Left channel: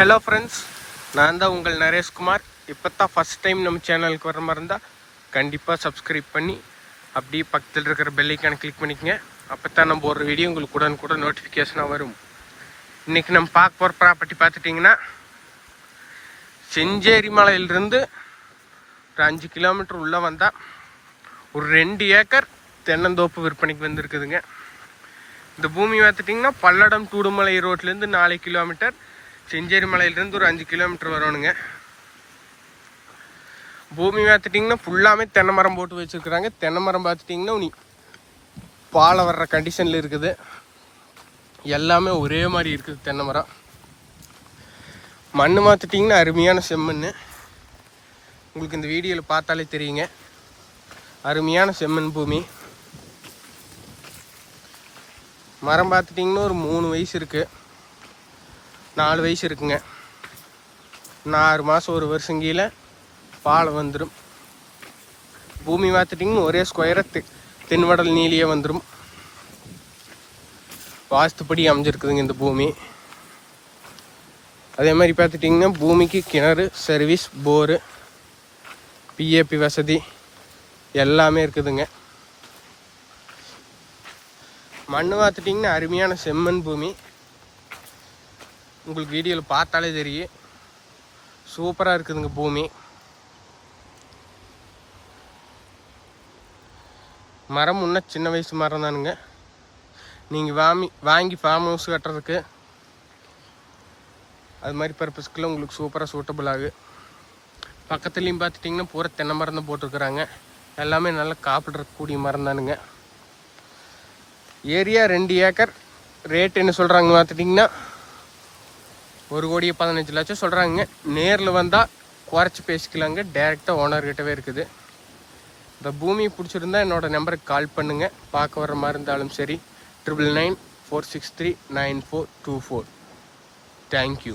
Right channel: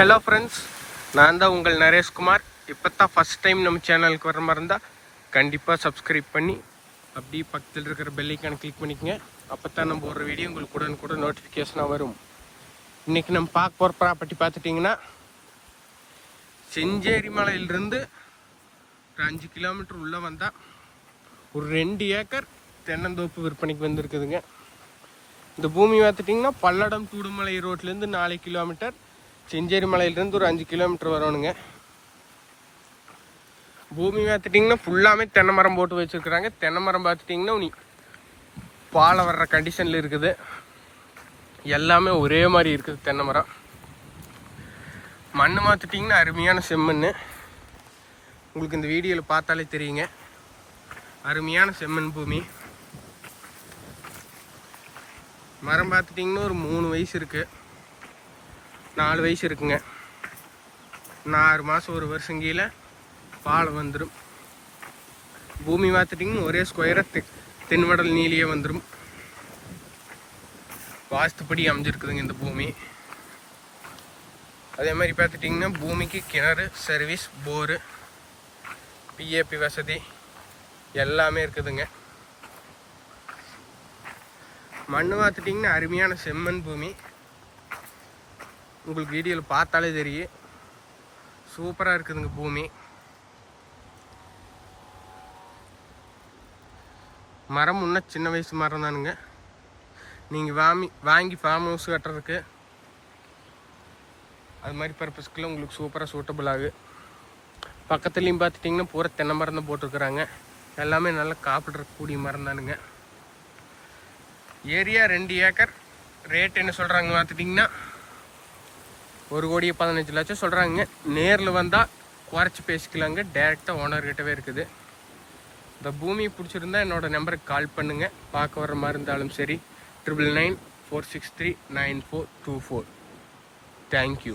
Hello friends நான் தான் உங்கள் நரேஷ்குமார் இப்போ தான் ஃபஸ்ட் டைம் நம்ம சேனலுக்கு வர மாதிரி இருந்தால் கண்டிப்பாக சப்ஸ்கிரைப் பண்ணி அப்படியே பக்கத்தில் இருக்கிற பெல்லைக்கான கிளிக் பண்ணிக்கங்க. அப்போ தான் நம்ம ஒரு வீடியோ உங்களுக்கு உடனே கூட நோட்டிஃபிகேஷனாக வரும். இன்றைக்கி நம்ம பார்க்க போகிற ப்ராப்பர்ட்டி பார்த்துட்டிங்கன்னா செஞ்சேரி மலையிலிருந்து ஒரு அஞ்சு கிலோமீட்டர் உள்ளே வந்தால் ஒரு ரெண்டு ஏக்கர் தென்னந்தோப்பு விற்பனைக்கு வந்திருக்குதுங்க. இந்த பூமி பார்த்துட்டிங்கன்னா பல்லடம் தூடுமலை ரோட்லேருந்து நாலு கிலோமீட்டர் செஞ்சேரி மலையிலேருந்து ஒரு அஞ்சு கிலோமீட்டர் வரணுங்க பூமி பார்த்துட்டிங்கன்னா ஃபுல்லாமே தென்னை மரம் போட்டு வச்சுருக்குறாங்க. தென்னை மரம் பார்த்துட்டிங்கன்னா நீ பாலை வர்ற கண்டிஷனில் இருக்குது. எல்லாமே ஒரே மாதிரி இருக்குது தென்னை மரம். மண் மாற்றிட்டிங்கன்னா அருமையான செம்மண் உங்களுக்கு இந்த வீடியோவில் பார்த்தாலே தெரியுங்க. அருமையான செம்மண் பூமி. மரம் பார்த்துட்டிங்கன்னா ஒரு மூணு வயசு இருக்குது நாலு வயசு இருக்குங்க. இன்னும் ஆறு மாதம் ஒரு வருஷம் கீழே பாலை வந்துடும் பூமி பார்த்துட்டிங்கன்னா ஒரே ஸ்கொயராக தெ தென்வடல் நீலியே வந்துடும் வாஸ்துப்படி அமைஞ்சிருக்குதுங்க இந்த பூமி. அதே மாதிரி பார்த்துட்டிங்கன்னா பூமிக்கு கிணறு சர்வீஸ் போரு பிஏபி வசதி எல்லாமே இருக்குதுங்க. மண் பார்த்துட்டிங்கன்னா அருமையான செம்மண் பூமி. உங்களுக்கு வீடியோவில் பார்த்தாலே தெரியும். சூப்பராக இருக்குதுங்க பூமி. மரம் முன்ன சின்ன வயசு மரம் தானுங்க. நீங்கள் வாமி வாங்கி ஃபார்ம் ஹவுஸ் கட்டுறதுக்கு அது மாதிரி பர்பஸ்க்குலாம் உங்களுக்கு சூப்பராக சூட்டபிள் ஆகு. பக்கத்துலேயும் பார்த்துட்டிங்கன்னா பூரா தென்னை மரம் தான் போட்டிருக்குறாங்க. எல்லாமே நல்லா காப்பிடக்கூடிய மரம் தானுங்க. ஏரியா ரெண்டு ஏக்கர். ரேட் என்ன சொல்கிறாங்க பார்த்துட்டிங்கன்னா ஒரு கோடி பதினஞ்சு லட்சம் சொல்கிறாங்க நேரில் வந்தால் குறைச்சி பேசிக்கலாங்க. டேரெக்டாக ஓனர்கிட்டவே இருக்குது. இந்த பூமி பிடிச்சிருந்தா என்னோடய நம்பருக்கு கால் பண்ணுங்கள் பார்க்க வர மாதிரி இருந்தாலும் சரி. Triple nine four six three nine four two four thank you